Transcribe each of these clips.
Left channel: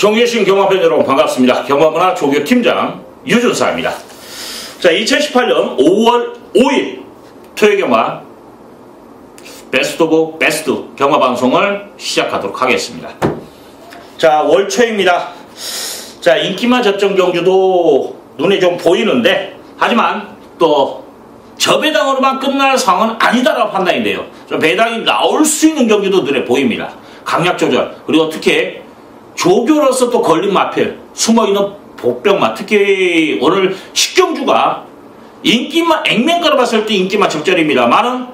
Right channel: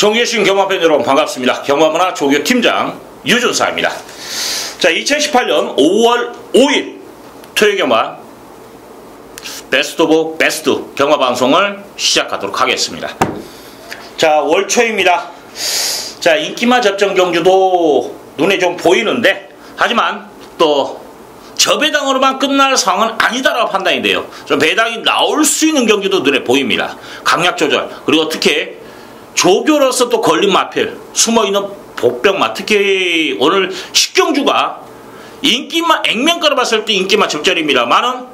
정계신 경마팬 여러분 반갑습니다. 경마문화 조교팀장 유준사입니다. 자, 2018년 5월 5일 토요경마 베스트 오브 베스트 경마방송을 시작하도록 하겠습니다. 자, 월초입니다. 자, 인기마 접전 경주도 눈에 좀 보이는데, 하지만 또 저배당으로만 끝날 상황은 아니다라고 판단이 돼요. 좀 배당이 나올 수 있는 경주도 눈에 보입니다. 강약 조절, 그리고 특히 조교로서 또 걸린 마필, 숨어있는 복병마, 특히 오늘 10경주가 인기마, 액면가로 봤을 때 인기마 적절입니다만은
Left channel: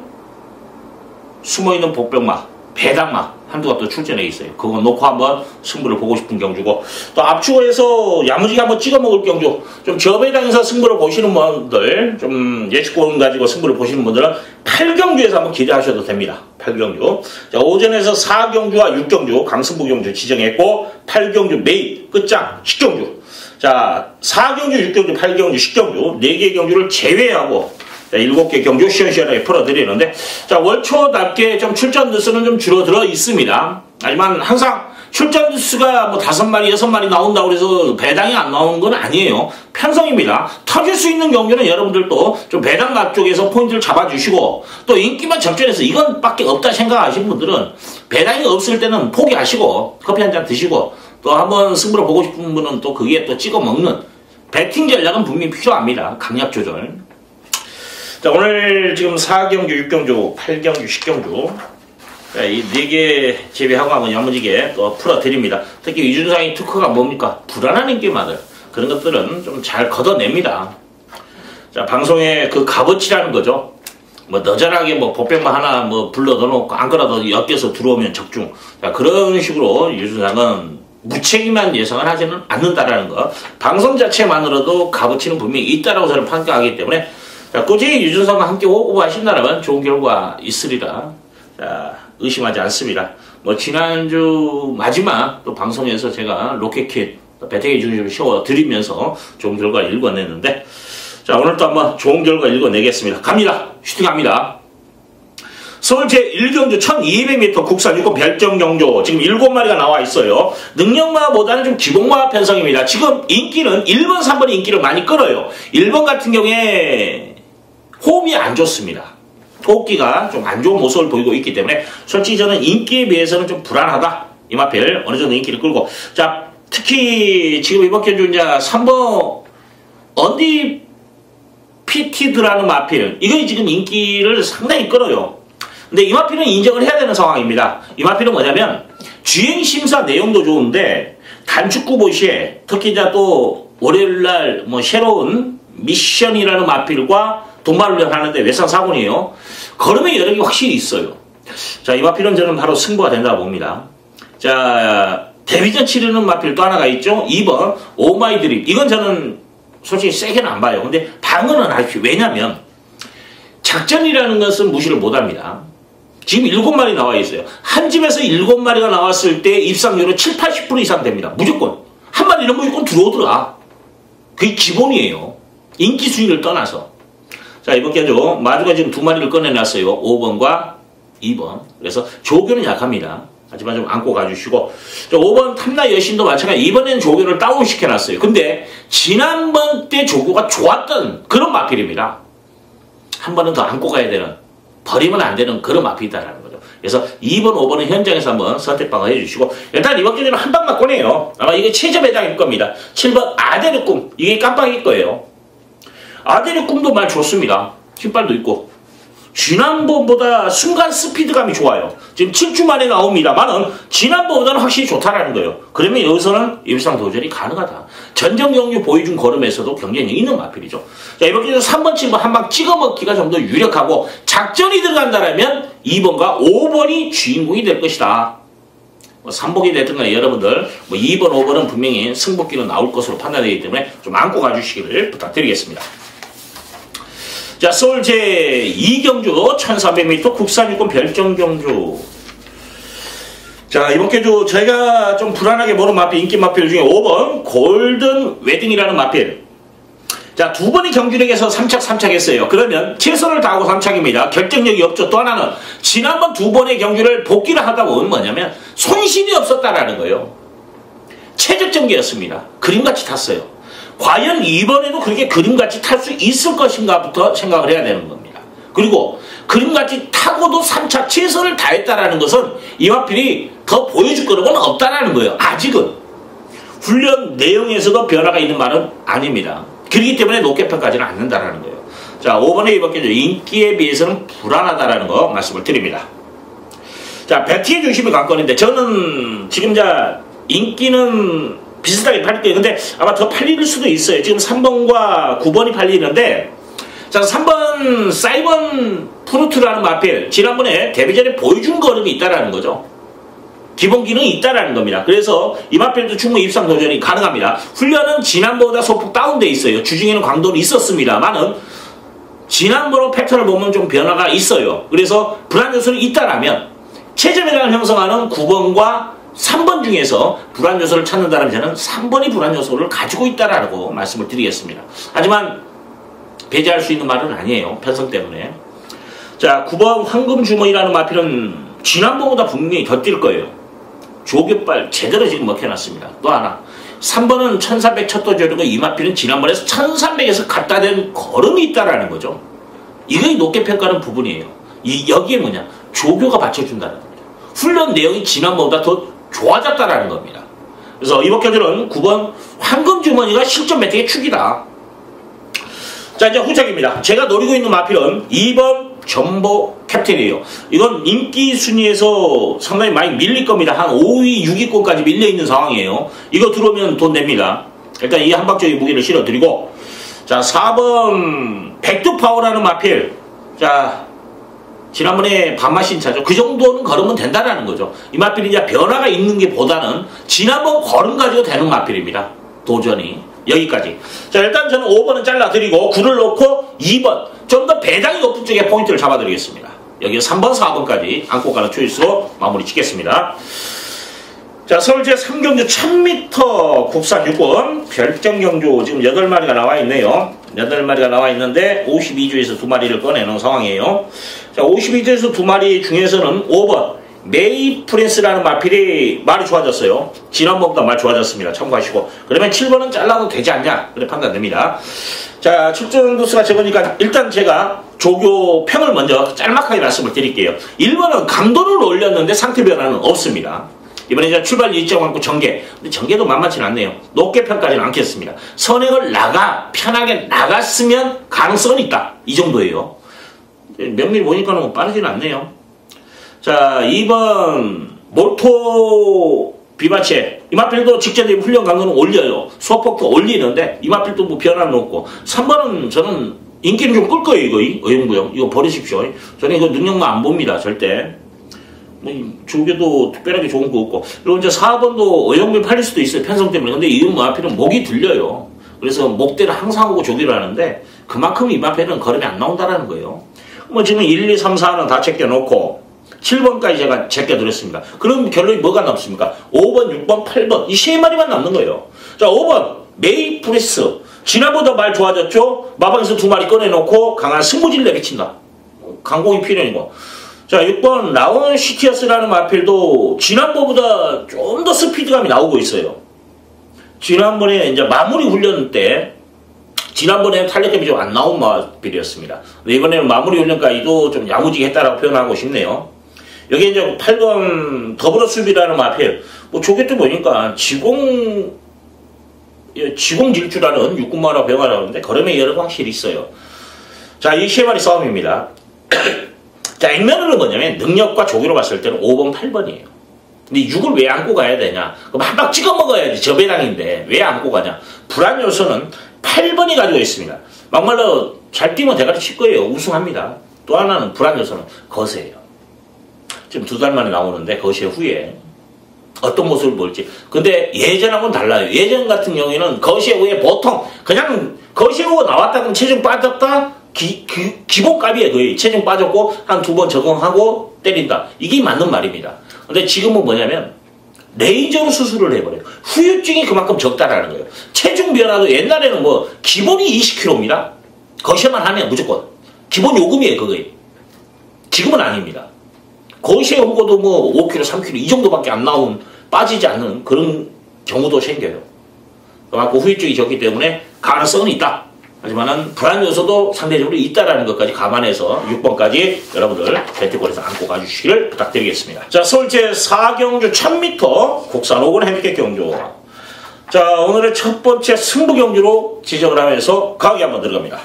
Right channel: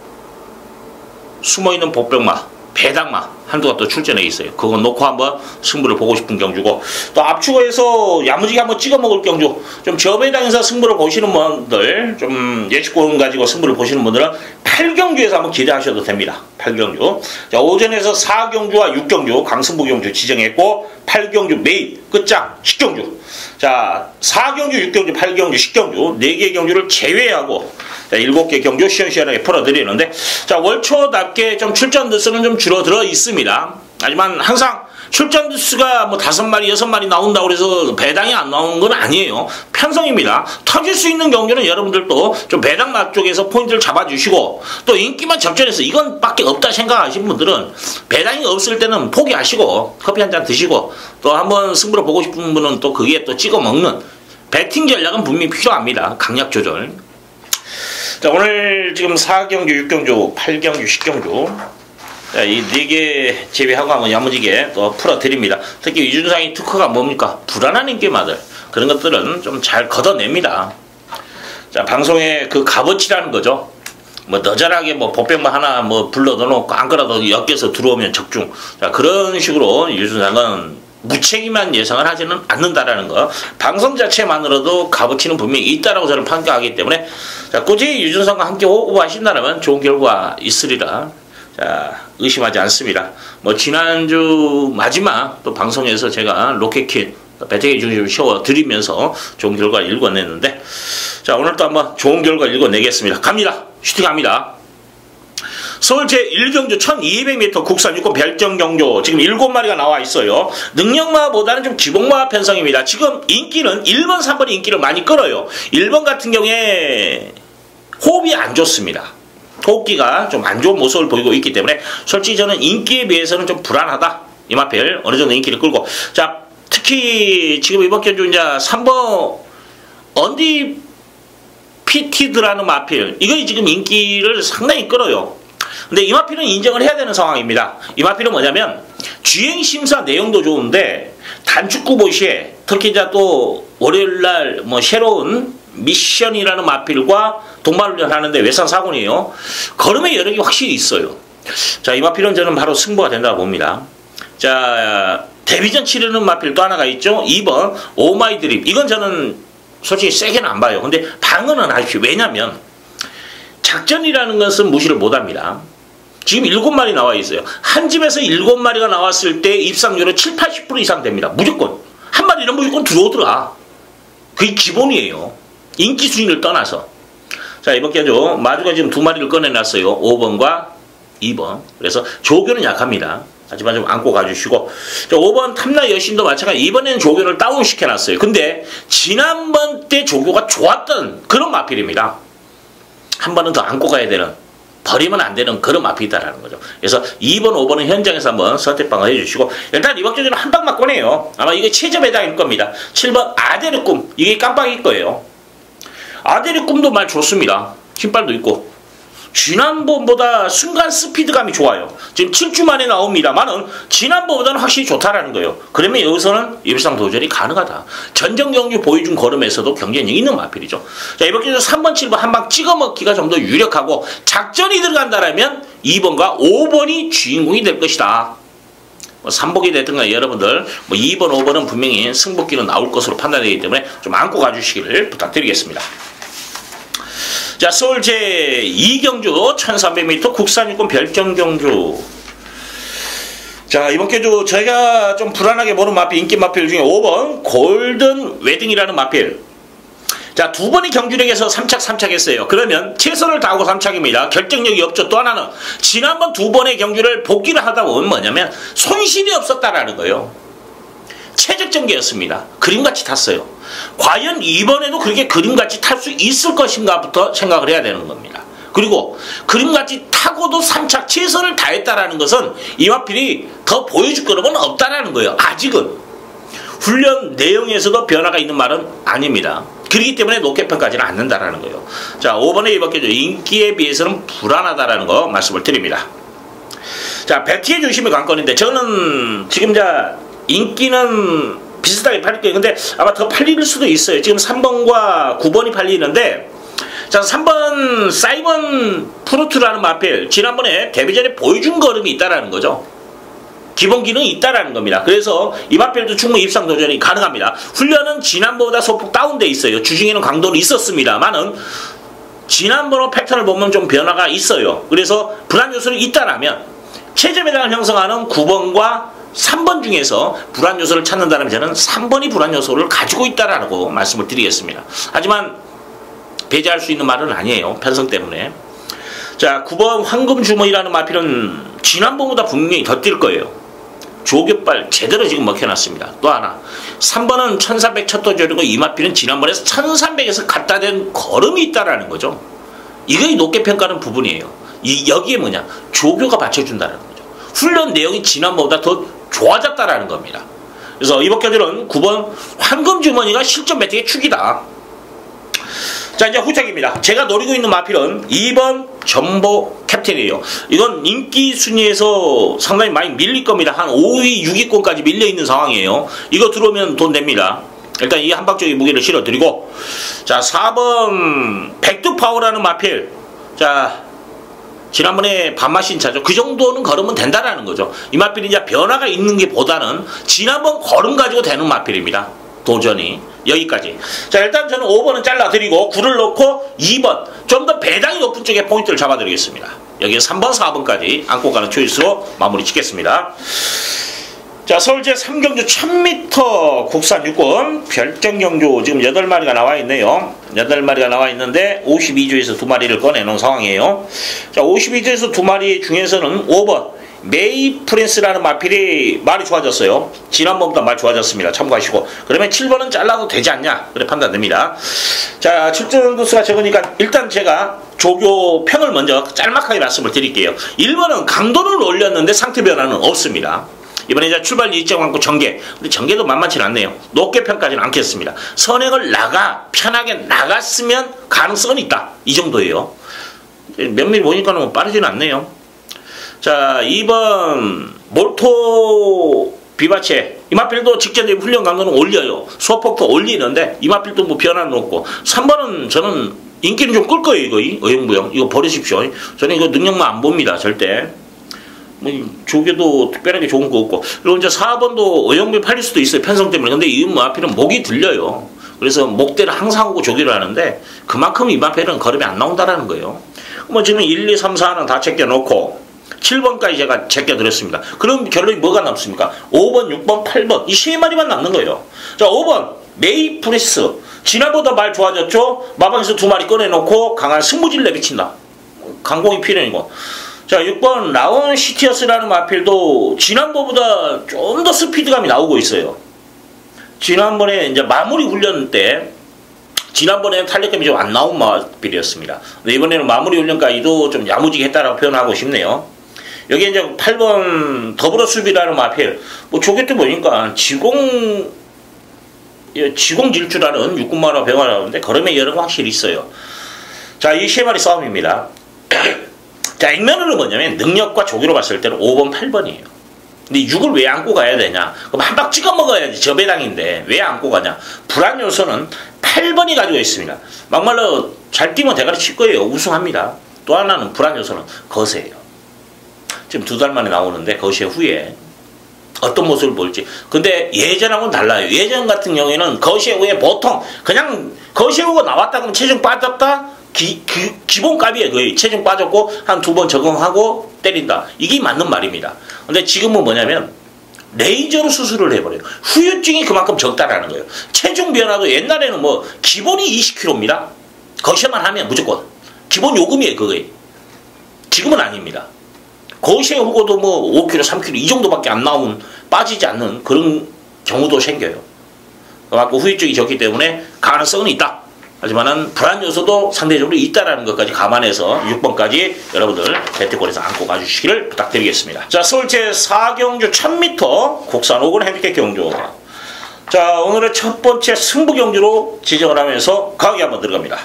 숨어있는 복병마, 배당마 한두가 또 출전해 있어요. 그거 놓고 한번 승부를 보고 싶은 경주고, 또 압축해서 야무지게 한번 찍어 먹을 경주, 좀 저배당에서 승부를 보시는 분들, 좀 예측권 가지고 승부를 보시는 분들은 8경주에서 한번 기대하셔도 됩니다. 8경주. 자, 오전에서 4경주와 6경주 강승부 경주 지정했고, 8경주 메인 끝장 10경주. 자, 4경주, 6경주, 8경주, 10경주 4개의 경주를 제외하고 7개 경주 시원시원하게 풀어드리는데, 자, 월초답게 좀 출전 횟수는 좀 줄어들어 있습니다. 하지만 항상 출전 횟수가 뭐 5마리, 6마리 나온다고 해서 배당이 안 나오는 건 아니에요. 편성입니다. 터질 수 있는 경주는 여러분들도 좀 배당 각 쪽에서 포인트를 잡아주시고, 또 인기만 적절해서 이건 밖에 없다 생각하시는 분들은 배당이 없을 때는 포기하시고 커피 한잔 드시고, 또 한번 승부를 보고 싶은 분은 또 거기에 또 찍어 먹는 배팅 전략은 분명히 필요합니다. 강약 조절. 자, 오늘 지금 4경주, 6경주, 8경주, 10경주 자, 이 4개 제외하고 한번 야무지게 또 풀어드립니다. 특히 유준상의 특허가 뭡니까? 불안한 인기마들, 그런 것들은 좀 잘 걷어냅니다. 자, 방송의 그 값어치라는 거죠. 뭐 너절하게 뭐 복병만 하나 뭐 불러 넣어놓고 안 그래도 엮여서 들어오면 적중. 자, 그런 식으로 유준상은 무책임한 예상을 하지는 않는다라는 거. 방송 자체만으로도 값어치는 분명히 있다라고 저는 판단하기 때문에, 자, 꾸준히 유준상과 함께 호흡하신다면 좋은 결과 있으리라, 자, 의심하지 않습니다. 뭐 지난주 마지막 또 방송에서 제가 로켓킷 배팅의 중심을 씌워드리면서 좋은 결과를 읽어냈는데, 자, 오늘 또 한번 좋은 결과 읽어내겠습니다. 갑니다. 슈팅합니다. 서울 제1경주 1200m 국산 유권 별정 경주 지금 7마리가 나와 있어요. 능력마보다는 좀 기복마 편성입니다. 지금 인기는 1번, 3번이 인기를 많이 끌어요. 1번 같은 경우에 호흡이 안 좋습니다. 호흡기가 좀 안 좋은 모습을 보이고 있기 때문에 솔직히 저는 인기에 비해서는 좀 불안하다. 이마필 어느 정도 인기를 끌고, 자, 특히 지금 이번 경주 이제 3번 언디 피티드라는 마필, 이거 지금 인기를 상당히 끌어요. 근데 이 마필은 인정을 해야 되는 상황입니다. 이 마필은 뭐냐면 주행심사 내용도 좋은데 단축구 보시에 특히 이제 또 월요일날 뭐 새로운 미션이라는 마필과 동반을 하는데 외상 사고이에요. 걸음의 여력이 확실히 있어요. 자, 이 마필은 저는 바로 승부가 된다고 봅니다. 자, 데뷔전 치르는 마필 또 하나가 있죠. 2번 오마이 드립. 이건 저는 솔직히 세게는 안 봐요. 근데 방어는 하십시오. 왜냐면 작전이라는 것은 무시를 못합니다. 지금 7마리 나와 있어요. 한 집에서 7마리가 나왔을 때 입상률은 7, 80% 이상 됩니다. 무조건. 한 마리는 무조건 들어오더라. 그게 기본이에요. 인기 순위를 떠나서. 자, 이번 경주 마주가 지금 2마리를 꺼내놨어요. 5번과 2번. 그래서 조교는 약합니다. 하지만 좀 안고 가주시고, 자, 5번 탐나 여신도 마찬가지. 이번에는 조교를 다운시켜놨어요. 근데 지난번 때 조교가 좋았던 그런 마필입니다. 한 번은 더 안고 가야 되는, 버리면 안 되는 그런 마필이다라는 거죠. 그래서 2번, 5번은 현장에서 한번 선택방을 해주시고, 일단 이번 경주는 한 방만 꺼내요. 아마 이게 최저 배당일 겁니다. 7번 아데르 꿈, 이게 깜빡일 거예요. 아데르 꿈도 많이 좋습니다. 깃발도 있고. 지난번보다 순간 스피드감이 좋아요. 지금 7주 만에 나옵니다만은 지난번보다는 확실히 좋다라는 거예요. 그러면 여기서는 일상 도전이 가능하다. 전정 경기 보여준 걸음에서도 경쟁력이 있는 마필이죠. 자, 이번 경주 3번, 7번 한 방 찍어먹기가 좀 더 유력하고, 작전이 들어간다라면 2번과 5번이 주인공이 될 것이다. 뭐 3복이 됐든가 여러분들 뭐 2번, 5번은 분명히 승복기는 나올 것으로 판단되기 때문에 좀 안고 가주시기를 부탁드리겠습니다. 자, 서울 제2경주 1300m 국산 유권 별정 경주. 자, 이번 경주 저희가 좀 불안하게 보는 마필, 인기 마필 중에 5번 골든 웨딩이라는 마필. 자, 2번이 경주력에서 3착 했어요. 그러면 최선을 다하고 3착입니다. 결정력이 없죠. 또 하나는 지난번 2번의 경주를 복귀를 하다 보면 뭐냐면 손실이 없었다라는 거예요. 최적전개였습니다. 그림같이 탔어요. 과연 이번에도 그렇게 그림같이 탈 수 있을 것인가부터 생각을 해야 되는 겁니다. 그리고 그림같이 타고도 3차 최선을 다했다라는 것은 이마필이 더 보여줄 거는 없다라는 거예요. 아직은. 훈련 내용에서도 변화가 있는 말은 아닙니다. 그렇기 때문에 높게 평가하지는 않는다라는 거예요. 자, 5번에 이밖에 인기에 비해서는 불안하다라는 거 말씀을 드립니다. 자, 배티의 중심이 관건인데 저는 지금 인기는 비슷하게 팔릴 거예요. 근데 아마 더 팔릴 수도 있어요. 지금 3번과 9번이 팔리는데, 자, 3번 사이먼 프루트라는 마필, 지난번에 데뷔전에 보여준 걸음이 있다라는 거죠. 기본 기능이 있다라는 겁니다. 그래서 이 마필도 충분히 입상 도전이 가능합니다. 훈련은 지난번보다 소폭 다운돼 있어요. 주중에는 강도는 있었습니다만은 지난번의 패턴을 보면 좀 변화가 있어요. 그래서 불안 요소는 있다라면 최저 배당을 형성하는 9번과 3번 중에서 불안 요소를 찾는다면 저는 3번이 불안 요소를 가지고 있다라고 말씀을 드리겠습니다. 하지만 배제할 수 있는 말은 아니에요. 편성 때문에. 자, 9번 황금주머니라는 마필은 지난번보다 분명히 더 뛸 거예요. 조교발 제대로 지금 먹혀놨습니다. 또 하나, 3번은 1300 첫 도전이고 이 마필은 지난번에 1300에서 갖다 댄 걸음이 있다라는 거죠. 이게 높게 평가하는 부분이에요. 여기에 뭐냐? 조교가 받쳐준다는 거죠. 훈련 내용이 지난번보다 더 좋아졌다라는 겁니다. 그래서 이번 경기는 9번 황금주머니가 실전 배팅의 축이다. 자, 이제 후착입니다. 제가 노리고 있는 마필은 2번 전보 캡틴이에요. 이건 인기 순위에서 상당히 많이 밀릴 겁니다. 한 5위, 6위권까지 밀려있는 상황이에요. 이거 들어오면 돈 냅니다. 일단 이 한방적인 무게를 실어드리고, 자, 4번 백두파워라는 마필. 자, 지난번에 반마신 차죠. 그 정도는 걸으면 된다라는 거죠. 이 마필이 이제 변화가 있는 게 보다는 지난번 걸음 가지고 되는 마필입니다. 도전이. 여기까지. 자, 일단 저는 5번은 잘라드리고 9를 넣고 2번 좀 더 배당이 높은 쪽에 포인트를 잡아드리겠습니다. 여기는 3번, 4번까지 안고 가는 초이스로 마무리 짓겠습니다. 자, 서울제 3경주 1000m 국산 6권 별정경주 지금 8마리가 나와 있네요. 8마리가 나와 있는데 52주에서 2마리를 꺼내놓은 상황이에요. 자, 52주에서 2마리 중에서는 5번 메이프레스라는 마필이 말이 좋아졌어요. 지난번보다 말 좋아졌습니다. 참고하시고. 그러면 7번은 잘라도 되지 않냐? 그래 판단됩니다. 자, 출전 도수가 적으니까 일단 제가 조교 평을 먼저 짤막하게 말씀을 드릴게요. 1번은 강도를 올렸는데 상태 변화는 없습니다. 이번에 이제 출발 일정 않고 전개. 근데 전개도 만만치 않네요. 높게 평가하지는 않겠습니다. 선행을 편하게 나갔으면 가능성은 있다. 이 정도예요. 면밀히 보니까는 뭐 빠르지는 않네요. 자, 2번 몰토 비바체. 이 마필도 직접적인 훈련 강도는 올려요. 소폭도 올리는데 이 마필도 뭐 변화는 없고. 3번은 저는 인기는 좀 끌 거예요. 이거 어영부영. 이거 버리십시오. 저는 이거 능력만 안 봅니다. 절대. 뭐 조개도 특별하게 좋은 거 없고. 그리고 이제 4번도 어영부영 팔릴 수도 있어요. 편성 때문에. 근데 이 마필은 목이 들려요. 그래서 목대를 항상 하고 조기를 하는데 그만큼 이 마필은 걸음이 안 나온다라는 거예요. 뭐 지금 1, 2, 3, 4는 다 제껴놓고 7번까지 제가 제껴드렸습니다. 그럼 결론이 뭐가 남습니까? 5번, 6번, 8번 이 3마리만 남는 거예요. 자, 5번 메이프레스 지난보다 말 좋아졌죠? 마방에서 2마리 꺼내놓고 강한 승부질 내비친다. 강공이 필연이고. 자, 6번 라온 시티어스라는 마필도 지난번보다 좀 더 스피드감이 나오고 있어요. 지난번에 이제 마무리 훈련 때 지난번에는 탄력감이 좀 안 나온 마필이었습니다. 근데 이번에는 마무리 훈련까지도 좀 야무지게 했다라고 표현하고 싶네요. 여기 이제 8번 더불어 수비라는 마필. 뭐 조개 때 보니까 지공 질주라는 육군마라 배워나오는데 걸음의 여력은 확실히 있어요. 자, 이 3마리 싸움입니다. 자, 액면으로 뭐냐면 능력과 조기로 봤을 때는 5번, 8번이에요. 근데 6을 왜 안고 가야 되냐? 그럼 한 방 찍어 먹어야지. 저 배당인데 왜 안고 가냐? 불안 요소는 8번이 가지고 있습니다. 막말로 잘 뛰면 대가리 칠 거예요. 우승합니다. 또 하나는 불안 요소는 거세예요. 지금 2달 만에 나오는데 거세 후에 어떤 모습을 보일지. 근데 예전하고는 달라요. 예전 같은 경우에는 거세 후에 보통 그냥 거세 후가 나왔다 그러면 체중 빠졌다. 기본값이에요. 거의 체중 빠졌고 한 2번 적응하고 때린다. 이게 맞는 말입니다. 근데 지금은 뭐냐면 레이저로 수술을 해버려요. 후유증이 그만큼 적다라는 거예요. 체중 변화도 옛날에는 뭐 기본이 20kg입니다. 거세만 하면 무조건 기본 요금이에요. 그거에. 지금은 아닙니다. 거세 후고도 뭐 5kg, 3kg 이 정도밖에 안 나온 빠지지 않는 그런 경우도 생겨요. 그래갖고 후유증이 적기 때문에 가능성은 있다. 하지만은 불안 요소도 상대적으로 있다라는 것까지 감안해서 6번까지 여러분들 배트권에서 안고 가주시기를 부탁드리겠습니다. 자, 서울 제4경주 1000m 국산 5군 핸디캡 경주. 자, 오늘의 첫 번째 승부 경주로 지정을 하면서 강의 한번 들어갑니다.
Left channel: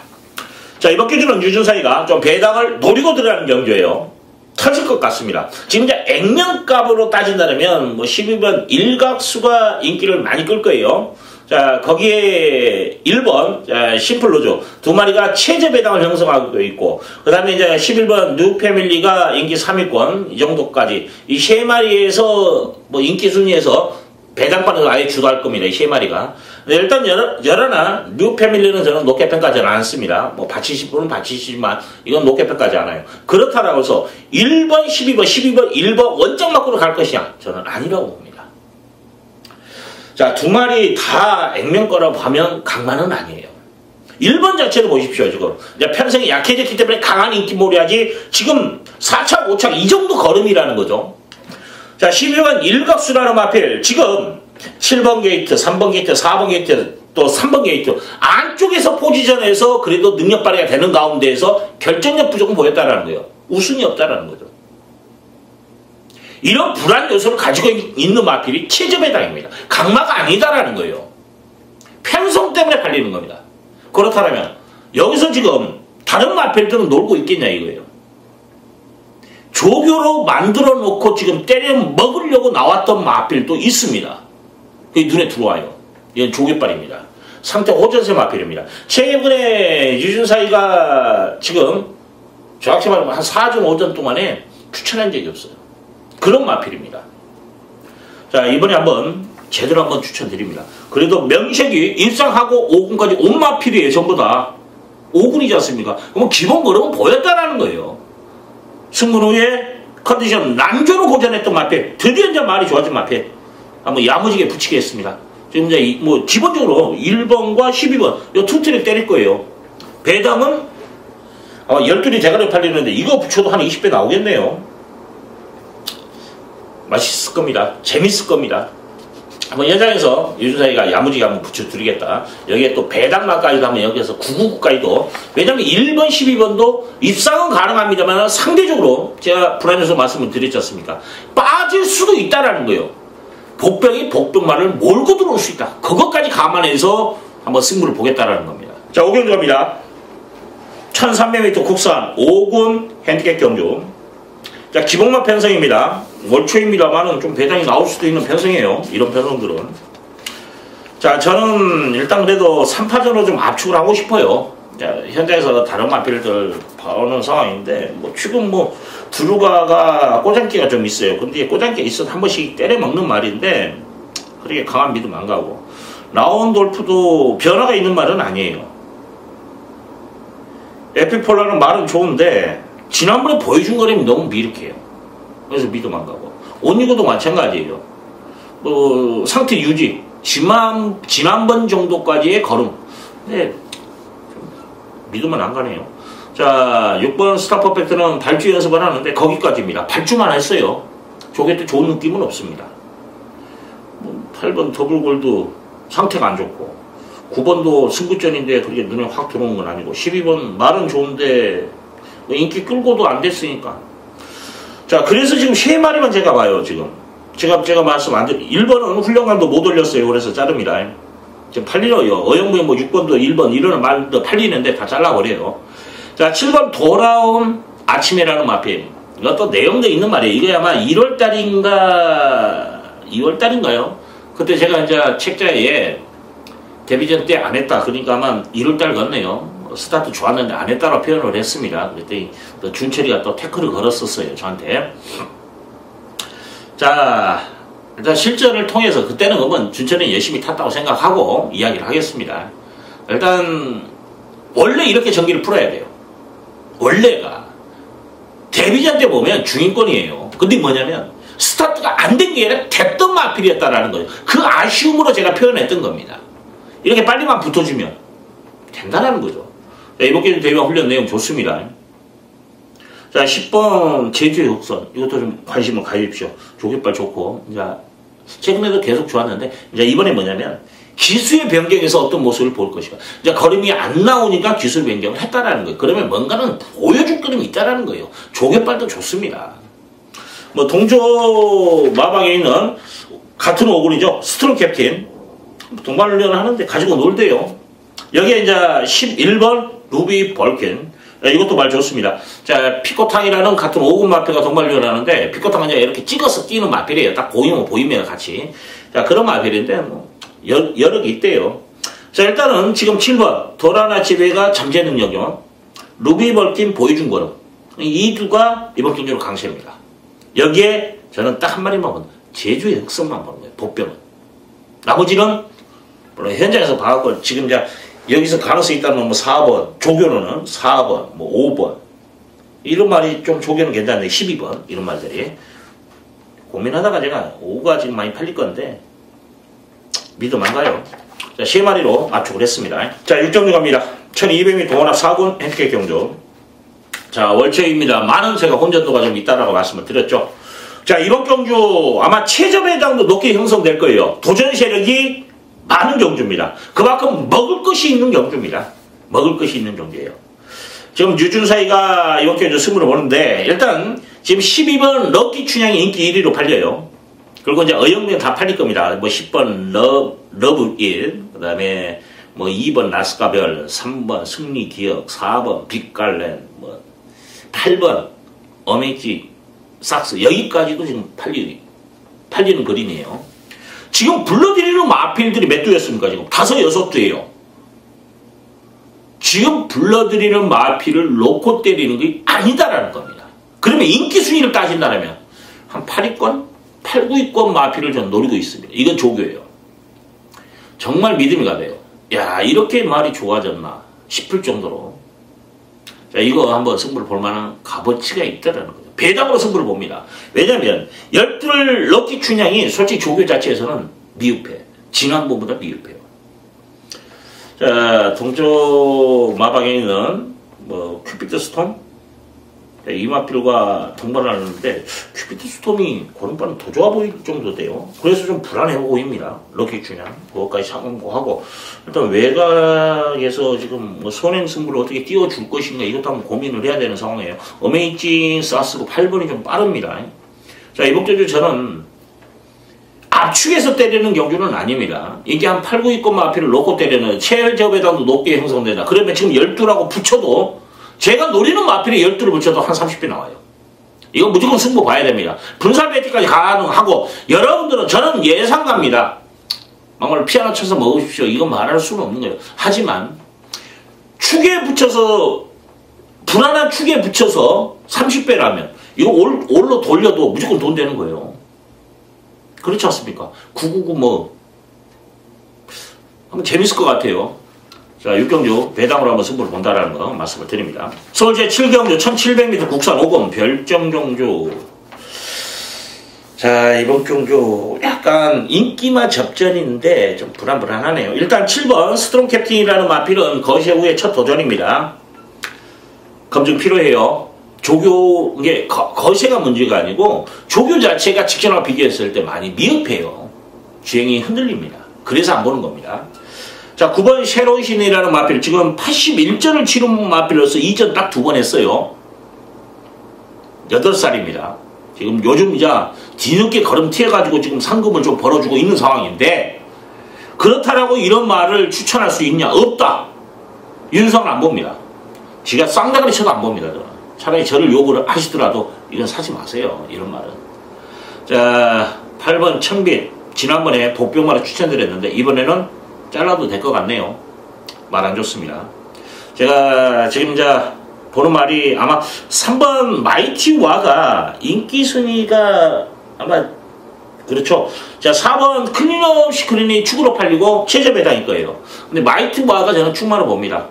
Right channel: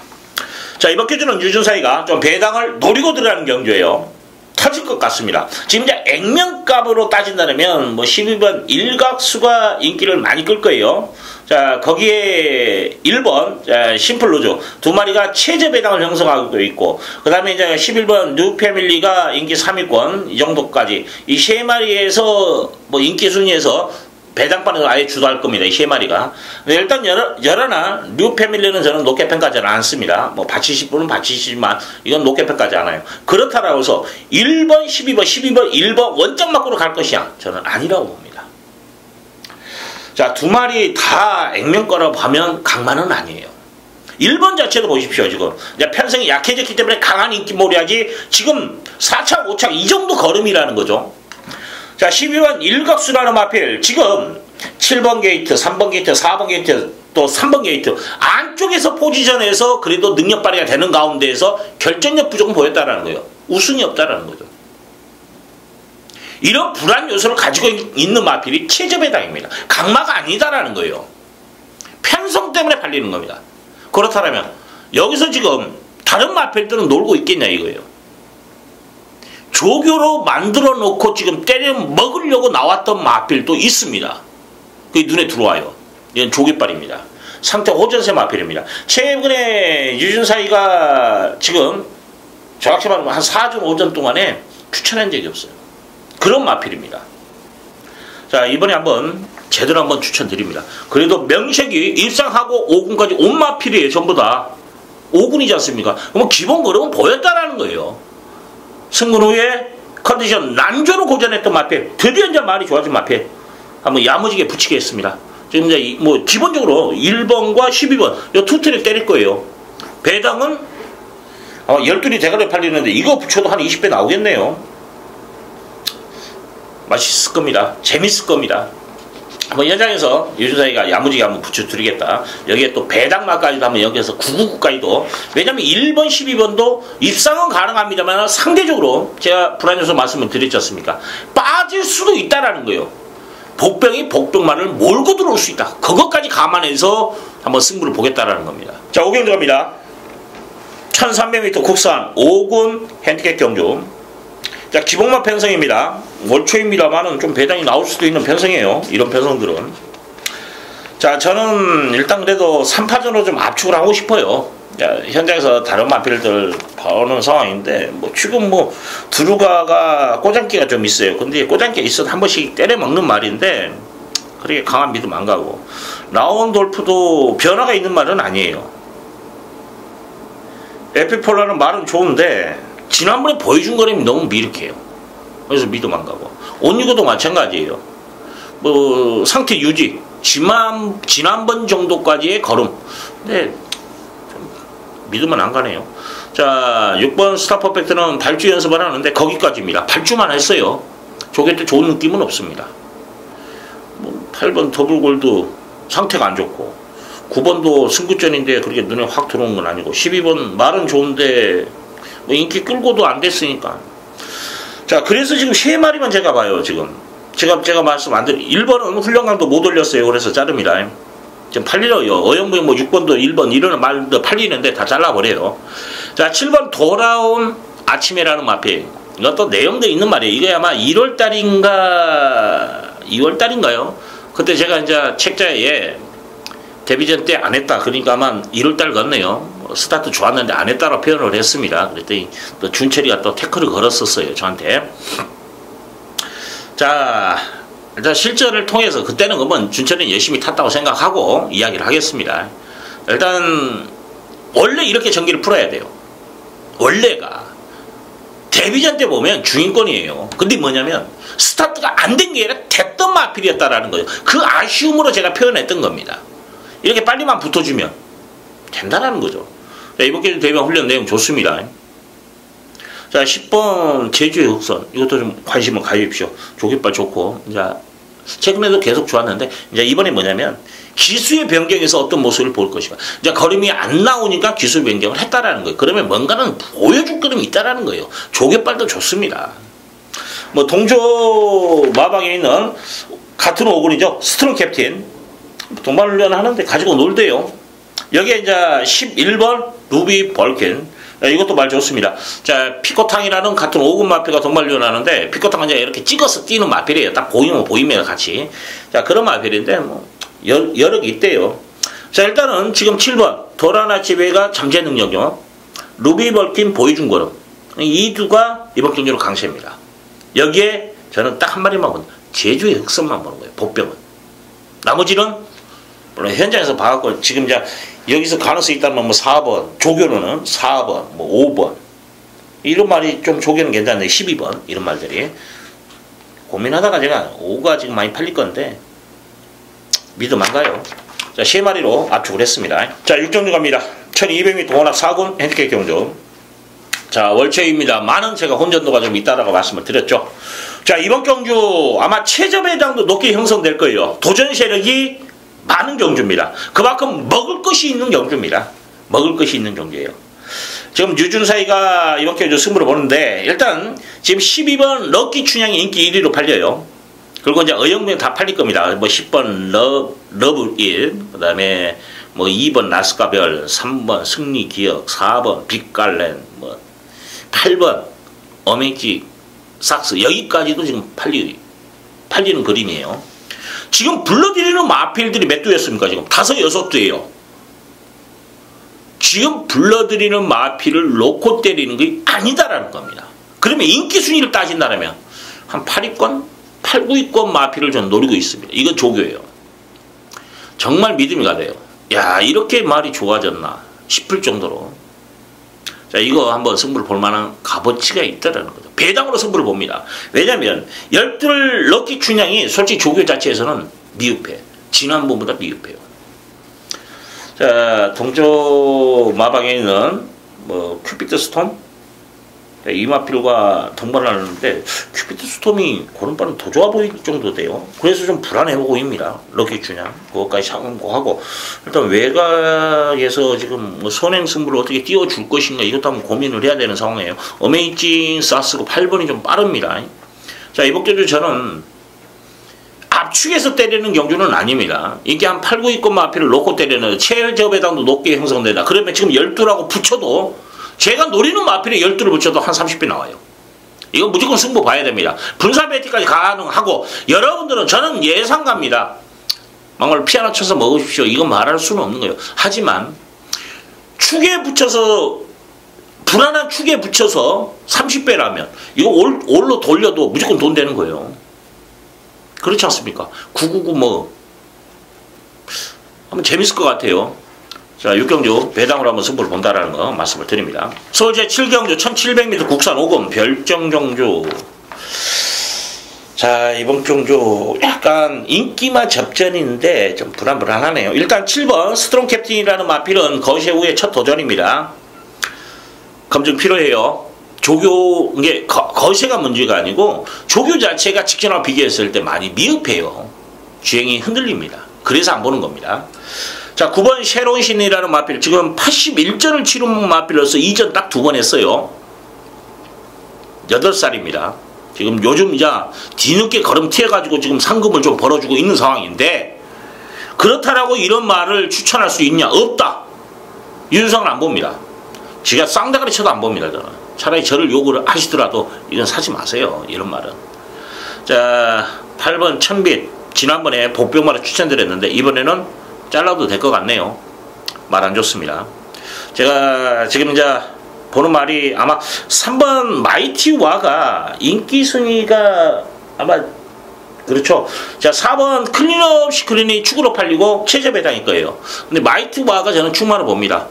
자, 이번 경주는 유준사이가 좀 배당을 노리고 들어가는 경주예요. 터질 것 같습니다. 지금 이제 액면값으로 따진다면 뭐 12번 일각수가 인기를 많이 끌 거예요. 자, 거기에 1번 심플로즈 두 마리가 최저 배당을 형성하고 있고, 그 다음에 이제 11번 뉴패밀리가 인기 3위권 이 정도까지 이 세 마리에서 뭐 인기 순위에서 배당반을 아예 주도할 겁니다. 이 세 마리가. 일단 여러나 뉴패밀리는 저는 높게 평가하지는 않습니다. 뭐 받치실 분은 받치시지만 이건 높게 평가하지 않아요. 그렇다라고 해서 1번, 12번, 12번, 1번 원정 맞고로 갈 것이냐? 저는 아니라고 봅니다. 자, 두 마리 다 액면가라고 하면 강만은 아니에요. 1번 자체도 보십시오. 지금 이제 편성이 약해졌기 때문에 강한 인기몰이하지 지금 4착, 5착 이 정도 걸음이라는 거죠. 자, 12번 일각수라는 마필 지금 7번 게이트, 3번 게이트, 4번 게이트, 또 3번 게이트 안쪽에서 포지션에서 그래도 능력 발휘가 되는 가운데에서 결정력 부족은 보였다는 거예요. 우승이 없다는 거죠. 이런 불안 요소를 가지고 있는 마필이 최저 배당입니다. 강마가 아니다라는 거예요. 편성 때문에 팔리는 겁니다. 그렇다면 여기서 지금 다른 마필들은 놀고 있겠냐 이거예요. 조교로 만들어 놓고 지금 때려 먹으려고 나왔던 마필도 있습니다. 그게 눈에 들어와요. 이건 조개빨입니다. 상태 오전세 마필입니다. 최근에 유준사이가 지금 정확히 말하면 한 4주 5전 동안에 추천한 적이 없어요. 그런 마필입니다. 자, 이번에 한번 제대로 한번 추천드립니다. 그래도 명색이 입상하고 5군까지 온 마필이에요. 전부 다 5군이지 않습니까? 그럼 기본 걸음은 보였다라는 거예요. 승군 후에 컨디션 난조로 고전했던 마필, 드디어 이제 많이 좋아진 마필 한번 야무지게 붙이겠습니다. 지금 이제 뭐 기본적으로 1번과 12번 이 두 트랙 때릴 거예요. 배당은 아마 12리 대가리 팔리는데 이거 붙여도 한 20배 나오겠네요. 맛있을 겁니다. 재밌을 겁니다. 한번 현장에서 유준사이가 야무지게 한번 붙여드리겠다. 여기에 또 배당마까지도 한번 여기에서 999까지도. 왜냐면 1번, 12번도 입상은 가능합니다만 상대적으로 제가 불안요소 말씀을 드렸지 않습니까? 빠질 수도 있다라는 거예요. 복병이 복병만을 몰고 들어올 수 있다. 그것까지 감안해서 한번 승부를 보겠다라는 겁니다. 자, 5경주 갑니다. 1300m 국산 5군 핸디캡 경주. 자, 기본마 편성입니다. 월초입니다만은 좀 배당이 나올 수도 있는 편성이에요. 이런 편성들은. 자, 저는 일단 그래도 3파전으로 좀 압축을 하고 싶어요. 자, 현장에서 다른 마필들 봐오는 상황인데, 뭐, 지금 뭐, 드루가가 꼬장기가 좀 있어요. 근데 꼬장기가 있어도 한 번씩 때려먹는 말인데, 그렇게 강한 믿음 안 가고. 라운돌프도 변화가 있는 말은 아니에요. 에피폴라는 말은 좋은데, 지난번에 보여준 거라면 너무 미륵해요. 그래서 믿음 안 가고. 온유고도 마찬가지예요. 뭐, 상태 유지. 지난번 정도까지의 걸음. 근데, 믿으면 안 가네요. 자, 6번 스타 퍼펙트는 발주 연습을 하는데 거기까지입니다. 발주만 했어요. 저게 또 좋은 느낌은 없습니다. 뭐 8번 더블골드 상태가 안 좋고 9번도 승부전인데 그렇게 눈에 확 들어오는 건 아니고 12번 말은 좋은데 뭐 인기 끌고도 안 됐으니까. 자, 그래서 지금 3마리만 제가 봐요. 지금 제가 말씀 안 드리 1번은 훈련강도 못 올렸어요. 그래서 자릅니다. 지금 팔려요. 어영부영 뭐 6번도 1번 이런 말도 팔리는데 다 잘라버려요. 자, 7번 돌아온 아침에라는 마필. 이것도 내용도 있는 말이에요. 이게 아마 2월달인가요? 그때 제가 이제 책자에 데뷔전 때 안 했다. 그러니까 아마 1월달 같네요. 스타트 좋았는데 안 했다고 표현을 했습니다. 그랬더니 또 준철이가 또 태클을 걸었었어요. 저한테. 자, 일단 실전을 통해서 그때는 그러면 준철이는 열심히 탔다고 생각하고 이야기를 하겠습니다. 일단 원래 이렇게 전기를 풀어야 돼요. 원래가 데뷔전 때 보면 주인권이에요. 근데 뭐냐면 스타트가 안 된 게 아니라 됐던 마필이었다라는 거예요. 그 아쉬움으로 제가 표현했던 겁니다. 이렇게 빨리만 붙어주면 된다는 거죠. 자, 이번 게임 데뷔 훈련 내용 좋습니다. 자, 10번 제주의 흑선. 이것도 좀 관심을 가집시오. 조깃발 좋고. 자, 최근에도 계속 좋았는데 이제 이번에 뭐냐면 기수의 변경에서 어떤 모습을 볼 것인가. 이제 걸음이 안 나오니까 기수 변경을 했다라는 거예요. 그러면 뭔가는 보여줄 걸음이 있다라는 거예요. 조개발도 좋습니다. 뭐 동조 마방에 있는 같은 오글이죠. 스트롱 캡틴 동반훈련을 하는데 가지고 놀대요. 여기에 이제 11번 루비 벌킨, 이것도 말 좋습니다. 자, 피코탕이라는 같은 5군 마필가 동반훈련을 하는데, 피코탕은 이제 이렇게 찍어서 뛰는 마필이에요. 딱 보이면 같이. 자, 그런 마필인데 뭐 여러 개 있대요. 자, 일단은 지금 7번 도라나 지배가 잠재 능력이요. 루비 벌킨 보여준 거로 이 두가 이번 경기로 강세입니다. 여기에 저는 딱 한 마리만 본다. 제주의 흑선만 보는 거예요. 복병은. 나머지는 물론 현장에서 봐갖고 지금 이제 여기서 가능성이 있다면 뭐 4번, 조교로는 4번, 뭐 5번 이런 말이 좀 조교는 괜찮네. 12번 이런 말들이 고민하다가 제가 5가 지금 많이 팔릴 건데 믿음 안 가요. 자, 3마리로 압축을 했습니다. 자, 6경주 갑니다. 1200m 혼합 4군 핸디캡 경주. 자, 월체입니다. 많은 제가 혼전도가 좀 있다라고 말씀을 드렸죠. 자, 이번 경주 아마 최저 배당도 높게 형성될 거예요. 도전 세력이 많은 경주입니다. 그만큼 먹을 것이 있는 경주입니다. 먹을 것이 있는 경주예요. 지금 유준사이가 이번 경주 승부를 보는데 일단 지금 12번 럭키 춘향이 인기 1위로 팔려요. 그리고 이제 어영면 다 팔릴 겁니다. 뭐 10번 러브 1, 그 다음에 뭐 2번 나스카별, 3번 승리 기억, 4번 빅갈렌, 뭐 8번 어메이지 삭스, 여기까지도 지금 팔리는 그림이에요. 지금 불러드리는 마필들이 몇 두였습니까? 지금 5, 6두예요. 지금 불러드리는 마필을 놓고 때리는 게 아니다라는 겁니다. 그러면 인기 순위를 따진다면 한 8위권, 8, 9위권 마필을 저는 노리고 있습니다. 이건 조교예요. 정말 믿음이 가돼요. 야, 이렇게 말이 좋아졌나 싶을 정도로. 자, 이거 한번 승부를 볼 만한 값어치가 있다라는 거죠. 배당으로 승부를 봅니다. 왜냐면 12 럭키 춘향이 솔직히 조교 자체에서는 미흡해. 지난번보다 미흡해요. 자, 동조 마방에 있는 뭐 큐피드 스톰, 이 마필과 동반을 하는데 큐피드 스톰이 고른발은 더 좋아 보일 정도 돼요. 그래서 좀 불안해 보입니다. 럭키 춘향 그것까지 참고하고 일단 외곽에서 지금 뭐 선행 승부를 어떻게 띄워줄 것인가 이것도 한번 고민을 해야 되는 상황이에요. 어메이징 사스고 8번이 좀 빠릅니다. 자, 이번 경주 저는 압축해서 때리는 경주는 아닙니다. 이게 한 8, 9위권 마필을 놓고 때리는 최저 배당도 높게 형성된다. 그러면 지금 12라고 붙여도 제가 노리는 마필에 12를 붙여도 한 30배 나와요. 이거 무조건 승부 봐야 됩니다. 분사 배팅까지 가능하고 여러분들은 저는 예상갑니다. 막말 피 하나 쳐서 먹으십시오. 이거 말할 수는 없는 거예요. 하지만 축에 붙여서 불안한 축에 붙여서 30배라면 이거 올로 돌려도 무조건 돈 되는 거예요. 그렇지 않습니까? 999 뭐 한번 재밌을 것 같아요. 자, 6경주 배당으로 한번 승부를 본다라는 거 말씀을 드립니다. 서울제 7경주 1700m 국산 5금 별정경주. 자, 이번 경주 약간 인기만 접전인데 좀 불안하네요. 일단 7번 스트롱 캡틴이라는 마필은 거세 후의 첫 도전입니다. 검증 필요해요. 조교, 이게 거세가 문제가 아니고 조교 자체가 직전과 비교했을 때 많이 미흡해요. 주행이 흔들립니다. 그래서 안 보는 겁니다. 자, 9번 쉐로신이라는 마필, 지금 81전을 치른 마필로서 2전 딱 2번 했어요. 8살입니다. 지금 요즘 이제 뒤늦게 걸음튀어가지고 지금 상금을 좀 벌어주고 있는 상황인데, 그렇다라고 이런 말을 추천할 수 있냐? 없다. 윤석은 안 봅니다. 지가 쌍대가리 쳐도 안 봅니다, 저는. 차라리 저를 욕을 하시더라도 이건 사지 마세요. 이런 말은. 자, 8번 천빛. 지난번에 복병만을 추천드렸는데, 이번에는 잘라도 될 것 같네요. 말 안 좋습니다. 제가 지금 이제 보는 말이 아마 3번 마이티와가 인기 순위가 아마 그렇죠. 자, 4번 클린업 시크린이 축으로 팔리고 최저 배당일 거예요. 근데 마이티와가 저는 축만을 봅니다.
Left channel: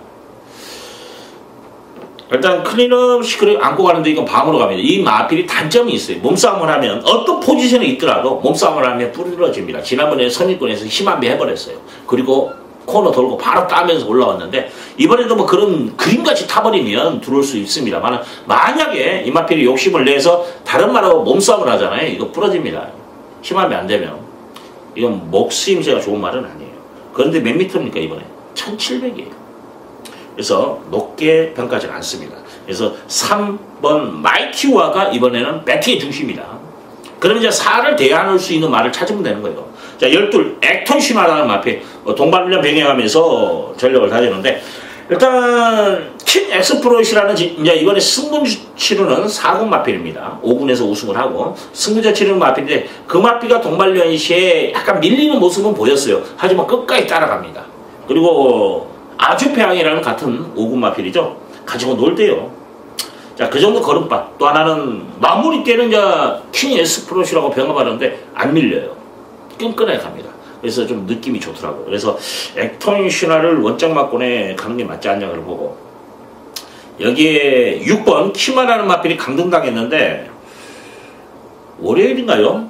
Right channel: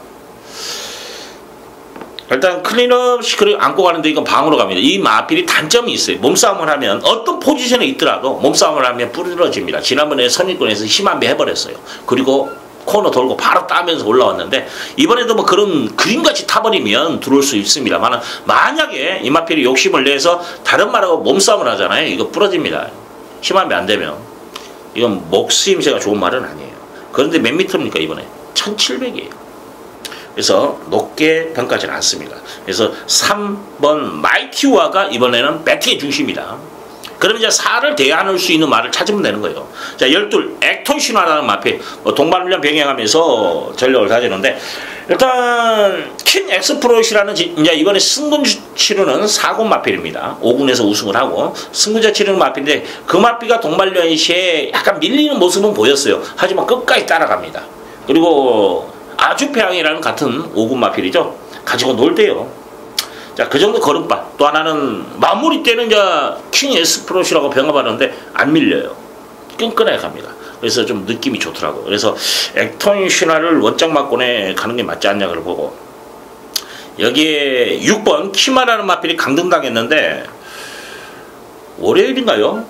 일단 클린업 시크릿 안고 가는데 이건 방으로 갑니다. 이 마필이 단점이 있어요. 몸싸움을 하면 어떤 포지션에 있더라도 몸싸움을 하면 부러집니다. 지난번에 선입권에서 심한배 해버렸어요. 그리고 코너 돌고 바로 따면서 올라왔는데 이번에도 뭐 그런 그림같이 타버리면 들어올 수 있습니다만 만약에 이 마필이 욕심을 내서 다른 말하고 몸싸움을 하잖아요. 이거 부러집니다. 심하면 안 되면. 이건 목수임새가 좋은 말은 아니에요. 그런데 몇 미터입니까 이번에? 1700이에요. 그래서 높게 평가하지는 않습니다. 그래서 3번 마이티와가 이번에는 배팅의 중심이다. 그러면 이제 4를 대안할 수 있는 말을 찾으면 되는 거예요. 자, 12 액톤 신화라는 마필 동반훈련 병행하면서 전력을 다지는데, 일단 킹 엑스프로이시라는 이제 이번에 승군 치르는 4군 마필입니다. 5군에서 우승을 하고 승군제 치르는 마필인데, 그 마필가 동반훈련 시에 약간 밀리는 모습은 보였어요. 하지만 끝까지 따라갑니다. 그리고 아주페앙이라는 같은 5군 마필이죠. 가지고 놀대요. 자, 그 정도 걸음바. 또 하나는 마무리 때는 이제 킹 엑스프로시라고 병합하는데 안 밀려요. 끈끈하게 갑니다. 그래서 좀 느낌이 좋더라고요. 그래서 액톤 신화를 원작 막권에 가는 게 맞지 않냐 그걸 보고, 여기에 6번 키마라는 마필이 강등당했는데 월요일인가요?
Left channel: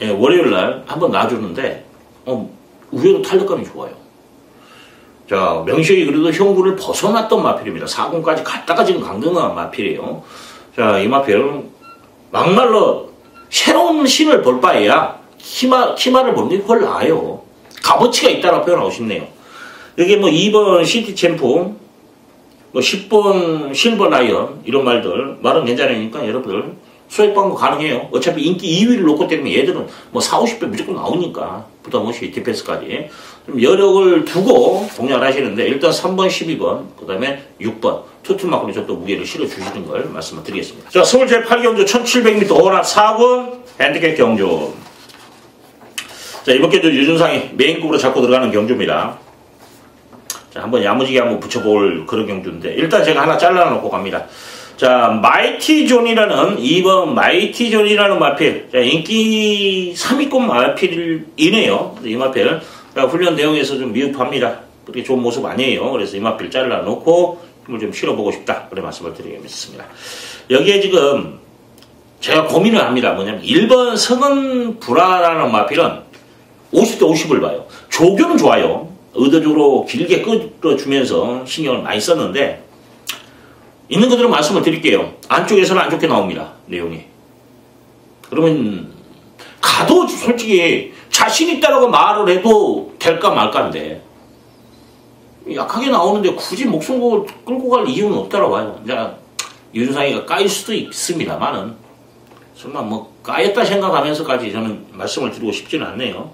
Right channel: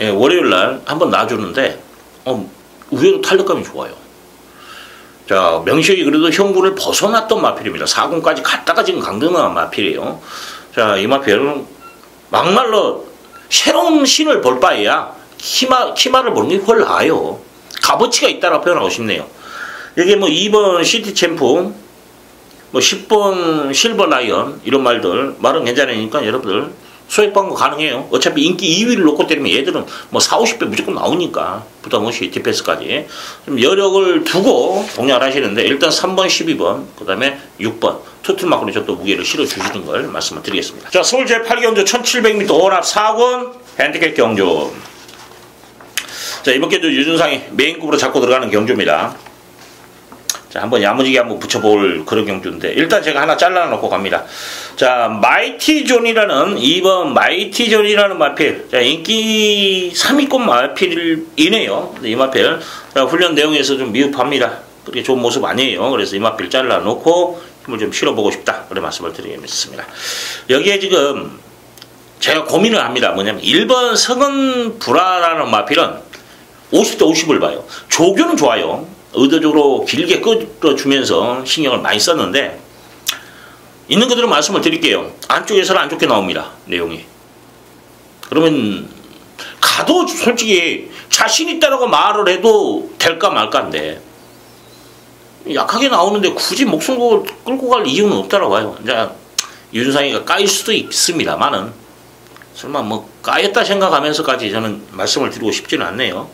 예, 월요일날 한번 놔주는데 의외로 탄력감이 좋아요. 자, 명식이 그래도 형분을 벗어났던 마필입니다. 4군까지 갔다가 지금 강등한 마필이에요. 자, 이 마필은 막말로 새로운 신을 볼 바에야 키마를 보는 게 훨 나아요. 값어치가 있다라고 표현하고 싶네요. 여기 뭐 2번 시티 챔프, 뭐 10번 실버 라이언, 이런 말은 괜찮으니까 여러분들 소액 방문 가능해요. 어차피 인기 2위를 놓고 때리면 얘들은 뭐 4, 50배 무조건 나오니까 부담 없이 디펜스까지 좀 여력을 두고 동력을 하시는데, 일단 3번, 12번, 그 다음에 6번 투투마크로 좀 더 무게를 실어주시는 걸 말씀을 드리겠습니다. 자, 서울 제8경주 1700m 혼합 4군 핸디캡 경주. 자, 이번 경주 유준상이 메인급으로 잡고 들어가는 경주입니다. 자, 한번 야무지게 한번 붙여볼 그런 경주인데, 일단 제가 하나 잘라놓고 갑니다. 자, 마이티존이라는 2번 마이티존이라는 마필. 자, 인기 3위권 마필이네요. 이 마필. 자, 훈련 내용에서 좀 미흡합니다. 그렇게 좋은 모습 아니에요. 그래서 이 마필 잘라놓고 힘을 좀 실어보고 싶다. 그런 말씀을 드리겠습니다. 여기에 지금 제가 고민을 합니다. 뭐냐면 1번 성은 불화라는 마필은 50대 50을 봐요. 조교는 좋아요. 의도적으로 길게 끌어주면서 신경을 많이 썼는데, 있는 그대로 말씀을 드릴게요. 안쪽에서는 안 좋게 나옵니다. 내용이. 그러면 가도 솔직히 자신 있다라고 말을 해도 될까 말까인데, 약하게 나오는데 굳이 목숨 끌고 갈 이유는 없다라고 봐요. 이제 유준상이가 까일 수도 있습니다만은, 설마 뭐 까였다 생각하면서까지 저는 말씀을 드리고 싶지는 않네요.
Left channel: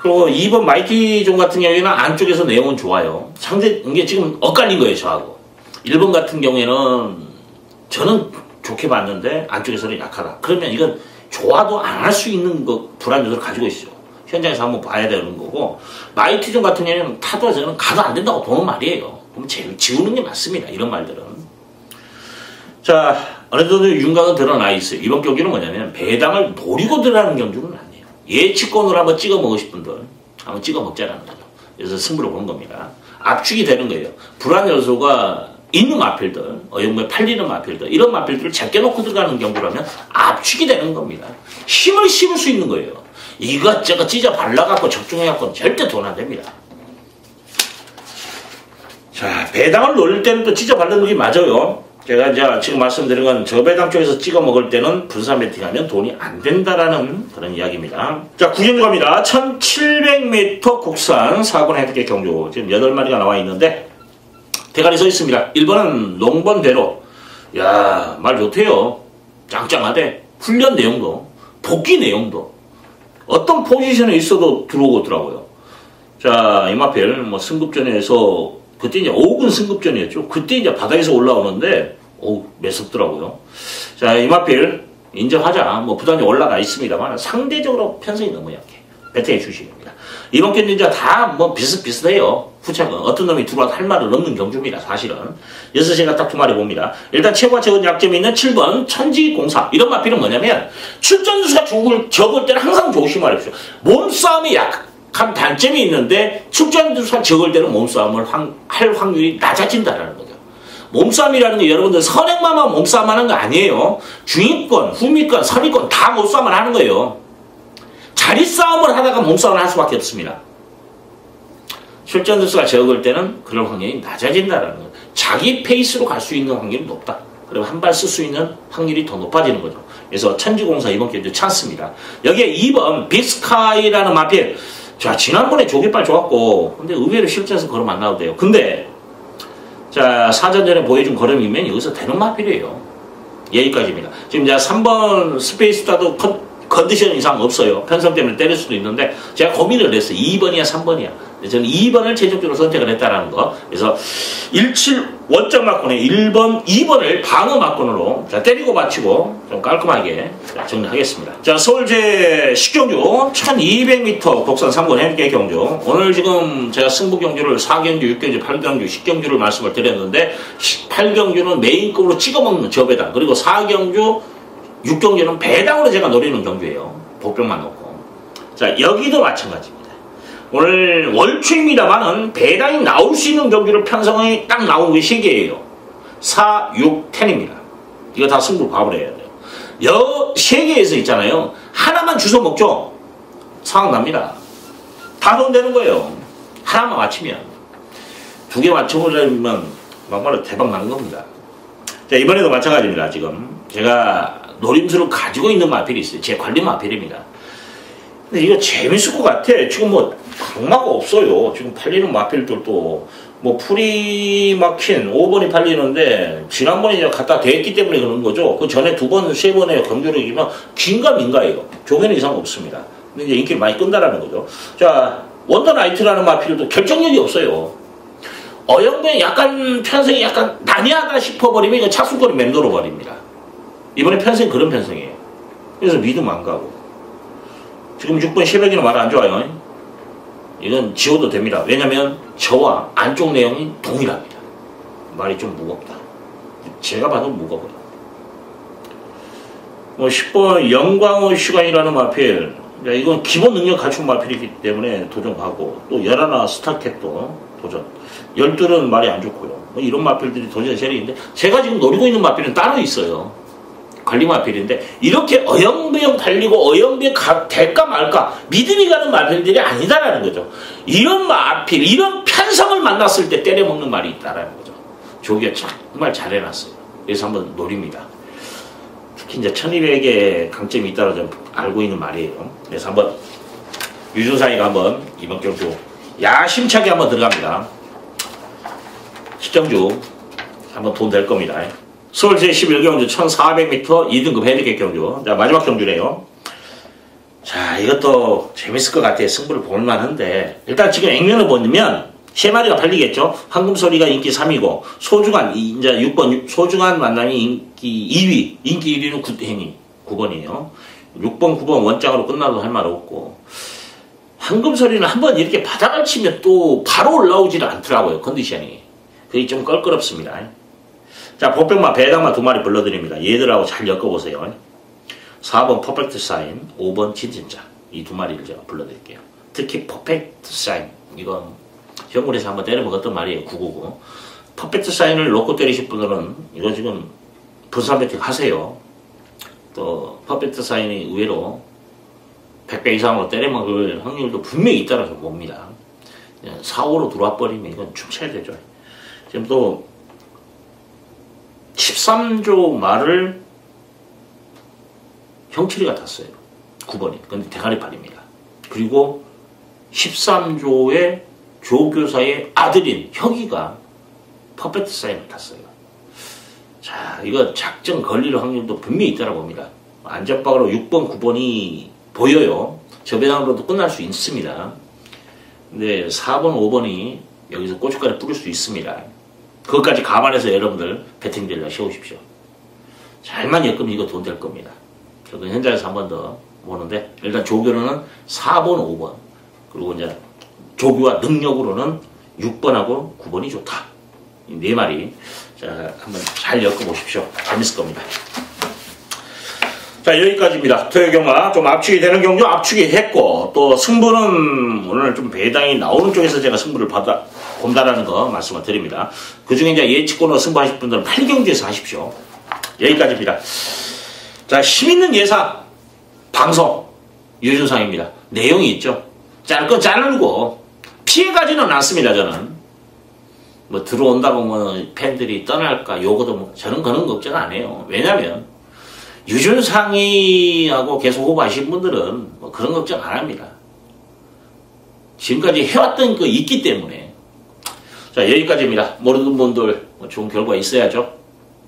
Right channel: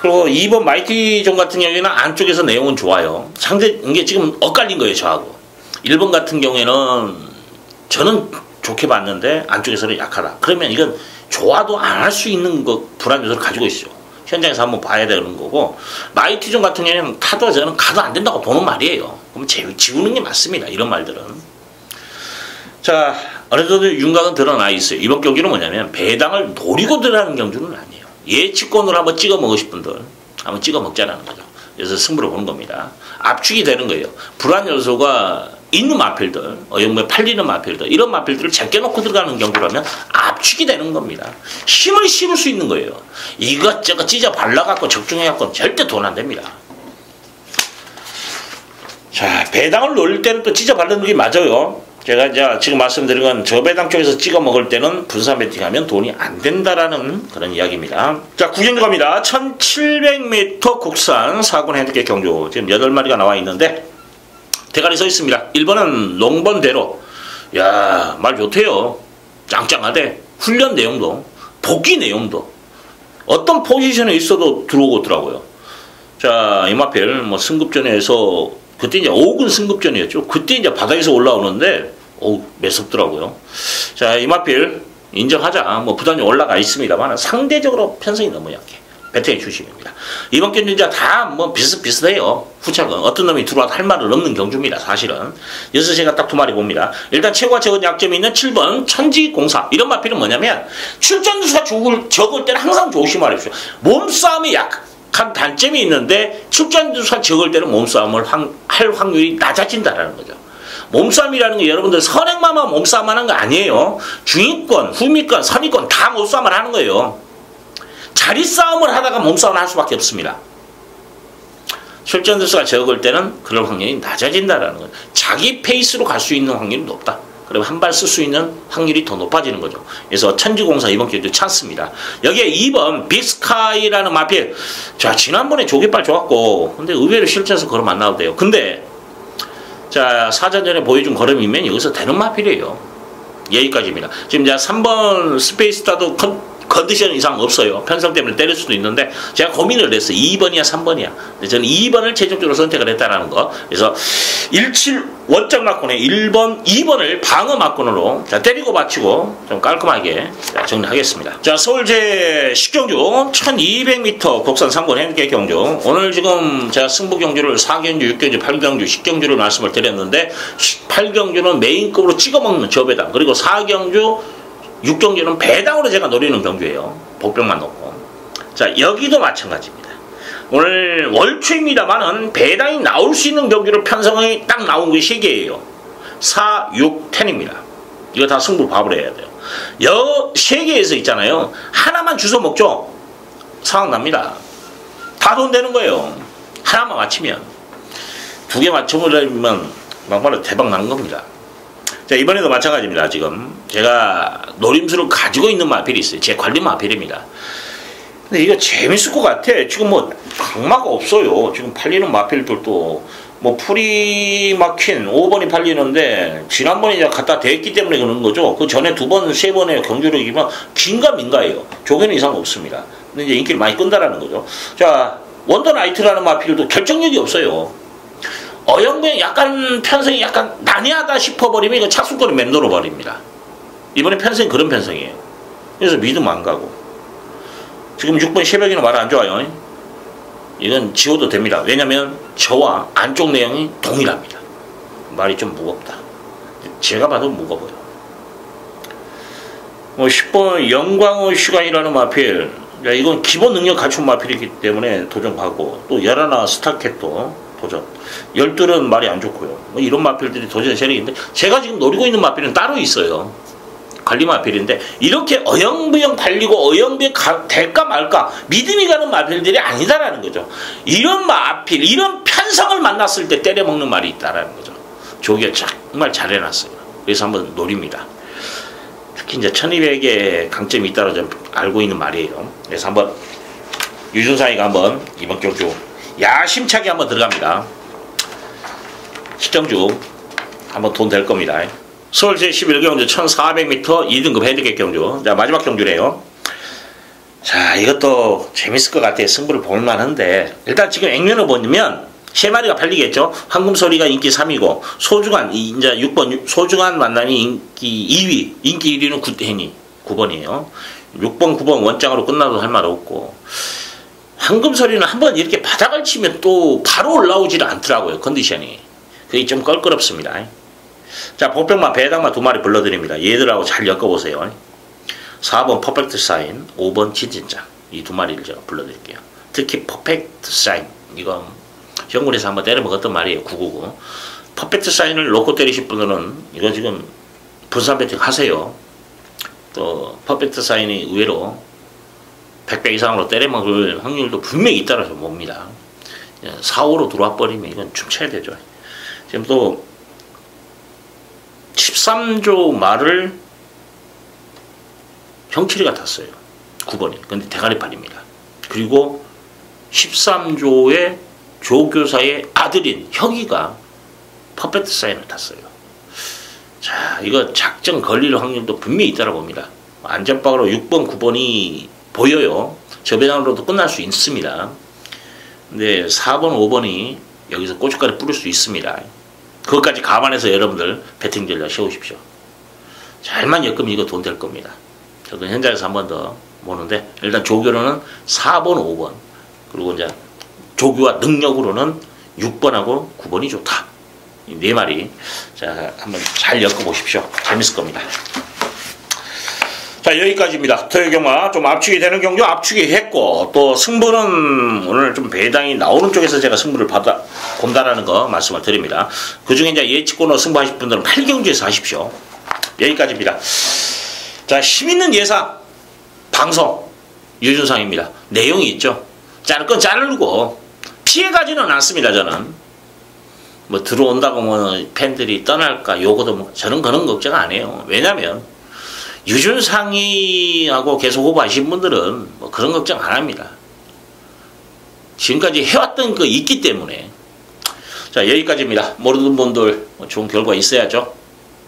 그리고 2번 마이티존 같은 경우에는 안쪽에서 내용은 좋아요. 이게 지금 엇갈린 거예요, 저하고. 1번 같은 경우에는 저는 좋게 봤는데 안쪽에서는 약하다. 그러면 이건 좋아도 안 할 수 있는 불안 요소를 가지고 있어요. 현장에서 한번 봐야 되는 거고, 마이티존 같은 경우에는 타도 저는 가도 안 된다고 보는 말이에요. 그럼 지우는 게 맞습니다. 이런 말들은. 자, 어느 정도 윤곽은 드러나 있어요. 이번 경기는 뭐냐면 배당을 노리고 들어가는 경주는 아니에요. 예측권으로 한번 찍어 먹으실 분들 한번 찍어 먹자라는 거죠. 그래서 승부를 보는 겁니다. 압축이 되는 거예요. 불안 요소가 있는 마필들, 어영부에 팔리는 마필들, 이런 마필들을 제껴놓고 들어가는 경주라면 압축이 되는 겁니다. 힘을 실을 수 있는 거예요. 이것저것 찢어 발라갖고 적중해갖고 절대 돈 안 됩니다. 자, 배당을 노릴 때는 또 찢어 바르는 게 맞아요. 제가 이제 지금 말씀드린 건 저배당 쪽에서 찍어 먹을 때는 분산 배팅하면 돈이 안 된다라는 그런 이야기입니다. 자, 구경도 갑니다. 1700m 국산 4군 핸디캡 경주. 지금 8마리가 나와 있는데 대가리 서 있습니다. 1번은 농번대로. 야, 말 좋대요. 짱짱하대. 훈련 내용도, 복귀 내용도. 어떤 포지션에 있어도 들어오더라고요. 자, 이마필 뭐 승급전에서 그때 이제 5군 승급전이었죠. 그때 이제 바닥에서 올라오는데, 매섭더라고요. 자, 이마필 인정하자. 뭐 부담이 올라가 있습니다만 상대적으로 편성이 너무 약해. 배팅의 주식입니다. 이번 경기 이제 다 뭐 비슷비슷해요. 후착은 어떤 놈이 들어와도 할 말을 없는 경주입니다. 사실은. 여기서 제가 딱 두 마리 봅니다. 일단 최고와 적은 약점이 있는 7번 천지공사. 이런 마필은 뭐냐면 출전수가 적을 때는 항상 조심하십시오. 몸싸움이 약한 단점이 있는데 출전수가 적을 때는 몸싸움을 할 확률이 낮아진다는 거죠. 몸싸움이라는 게 여러분들 선행만만 몸싸움 하는 거 아니에요. 중위권, 후미권, 선위권 다 몸싸움을 하는 거예요. 자리 싸움을 하다가 몸싸움을 할 수밖에 없습니다. 출전수가 적을 때는 그럴 확률이 낮아진다는 거예요. 자기 페이스로 갈 수 있는 확률이 높다. 그리고 한 발 쓸 수 있는 확률이 더 높아지는 거죠. 그래서 천지공사 이번 경주 찬스입니다. 여기에 2번 빅스카이라는 마필. 자, 지난번에 조개발 좋았고, 근데 의외로 실전에서 걸음 안 나오대요. 근데 자, 사전전에 보여준 걸음이면 여기서 되는 마필이에요. 여기까지입니다. 지금 이제 3번 스페이스타도 컨디션 이상 없어요. 편성 때문에 때릴 수도 있는데 제가 고민을 했어요. 2번이야 3번이야. 근데 저는 2번을 최종적으로 선택을 했다는 거. 그래서 17 원적 막군에 1번, 2번을 방어 막군으로 자, 때리고 맞추고 좀 깔끔하게 정리하겠습니다. 자, 서울제 10경주 1200m 국산 3권 행계 경주. 오늘 지금 제가 승부 경주를 4경주, 6경주, 8경주, 10경주를 말씀을 드렸는데 8경주는 메인급으로 찍어먹는 저배당, 그리고 4경주 6경주는 배당으로 제가 노리는 경주예요. 복병만 놓고. 자, 여기도 마찬가지입니다. 오늘 월초입니다만은 배당이 나올 수 있는 경주를 편성이 딱 나온 게 3개예요. 4, 6, 10입니다. 이거 다 승부 밥을 해야 돼요. 3개에서 있잖아요. 하나만 주워 먹죠. 상황 납니다. 다 돈 되는 거예요. 하나만 맞히면. 2개 맞춰보려면 막말로 대박 나는 겁니다. 자, 이번에도 마찬가지입니다. 지금 제가 노림수를 가지고 있는 마필이 있어요. 제 관리 마필입니다. 근데 이거 재밌을 것 같아. 지금 뭐 강마가 없어요. 지금 팔리는 마필들도 뭐 풀이 막힌 5번이 팔리는데 지난번에 제가 갖다 대했기 때문에 그런 거죠. 그 전에 2번, 3번의 경주를 이기면 긴가민가예요. 조개는 이상 없습니다. 근데 이제 인기를 많이 끈다라는 거죠. 자, 원더나이트라는 마필도 결정력이 없어요. 어영부에 약간 편성이 약간 난해하다 싶어버리면 이거 착순거리 맴돌아 버립니다. 이번에 편성이 그런 편성이에요. 그래서 믿음 안 가고. 지금 6번 새벽이는 말 안 좋아요. 이건 지워도 됩니다. 왜냐면 저와 안쪽 내용이 동일합니다. 말이 좀 무겁다. 제가 봐도 무거워요. 뭐 10번 영광의 시간이라는 마필. 이건 기본 능력 갖춘 마필이기 때문에 도전하고, 또 11 스타캣도 도전. 12는 말이 안 좋고요. 뭐 이런 마필들이 도전 세력인데 제가 지금 노리고 있는 마필은 따로 있어요. 관리 마필인데 이렇게 어영부영 달리고 어영부영 될까 말까 믿음이 가는 마필들이 아니다라는 거죠. 이런 마필, 이런 편성을 만났을 때 때려먹는 말이 있다라는 거죠. 조기가 정말 잘 해놨어요. 그래서 한번 노립니다. 특히 이제 1200의 강점이 있다고 좀 알고 있는 말이에요. 그래서 한번 유준상이가 한번 이번 경주 야심차게 한번 들어갑니다. 시청주 한번 돈 될 겁니다. 서울 제11경주 1400m 2등급 핸디캡 경주. 자, 마지막 경주래요. 자, 이것도 재밌을 것 같아요. 승부를 볼만한데 일단 지금 액면을 보면 3마리가 팔리겠죠. 황금소리가 인기 3위고 소중한 이제 6번 소중한 만남이 인기 2위, 인기 1위는 굿해니 9번이에요 6번 9번 원장으로 끝나도 할 말 없고, 황금소리는 한번 이렇게 바닥을 치면 또 바로 올라오지는 않더라고요. 컨디션이. 그게 좀 껄끄럽습니다. 자, 복병마 배당마 2마리 불러드립니다. 얘들하고 잘 엮어보세요. 4번 퍼펙트 사인, 5번 진진장. 이 2마리를 제가 불러드릴게요. 특히 퍼펙트 사인, 이거 현군에서 한번 때려먹었던 말이에요. 999. 퍼펙트 사인을 놓고 때리실 분들은 이거 지금 분산 배팅 하세요. 또 퍼펙트 사인이 의외로 100배 이상으로 때려먹을 확률도 분명히 있다라서 봅니다. 4, 5로 들어와 버리면 이건 춤춰야 되죠. 지금 또 13조 말을 형칠이가 탔어요. 9번이. 근데 대가리판입니다. 그리고 13조의 조교사의 아들인 혁이가 퍼펙트 사인을 탔어요. 자, 이거 작전 걸릴 확률도 분명히 있다고 봅니다. 안전박으로 6번, 9번이 보여요. 저배당으로도 끝날 수 있습니다. 근데 4번, 5번이 여기서 고춧가루 뿌릴 수 있습니다. 그것까지 감안해서 여러분들 배팅 전략 세우십시오. 잘만 엮으면 이거 돈 될 겁니다. 저도 현장에서 한 번 더 보는데 일단 조교로는 4번, 5번 그리고 이제 조교와 능력으로는 6번하고 9번이 좋다. 이 4마리 자 한번 잘 엮어보십시오. 재밌을 겁니다. 자, 여기까지입니다. 토요경마 좀 압축이 되는 경주 압축이 했고, 또 승부는 오늘 좀 배당이 나오는 쪽에서 제가 승부를 본다라는 거 말씀을 드립니다. 그 중에 이제 예측권으로 승부하실 분들은 8경주에서 하십시오. 여기까지입니다. 자, 힘있는 예상 방송 유준상입니다. 내용이 있죠. 자를 건 자르고 피해가지는 않습니다. 저는 뭐 들어온다 보면 팬들이 떠날까 요거도 뭐 저는 그런 걱정 안 해요. 왜냐면 유준상이하고 계속 오버하신 분들은 뭐 그런 걱정 안 합니다. 지금까지 해왔던 거 있기 때문에. 자, 여기까지입니다. 모르는 분들 좋은 결과 있어야죠.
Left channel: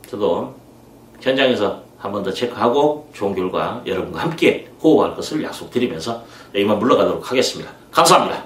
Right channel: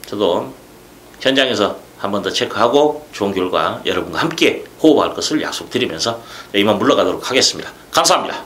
저도 현장에서 한 번 더 체크하고 좋은 결과 여러분과 함께 호흡할 것을 약속드리면서 이만 물러가도록 하겠습니다. 감사합니다.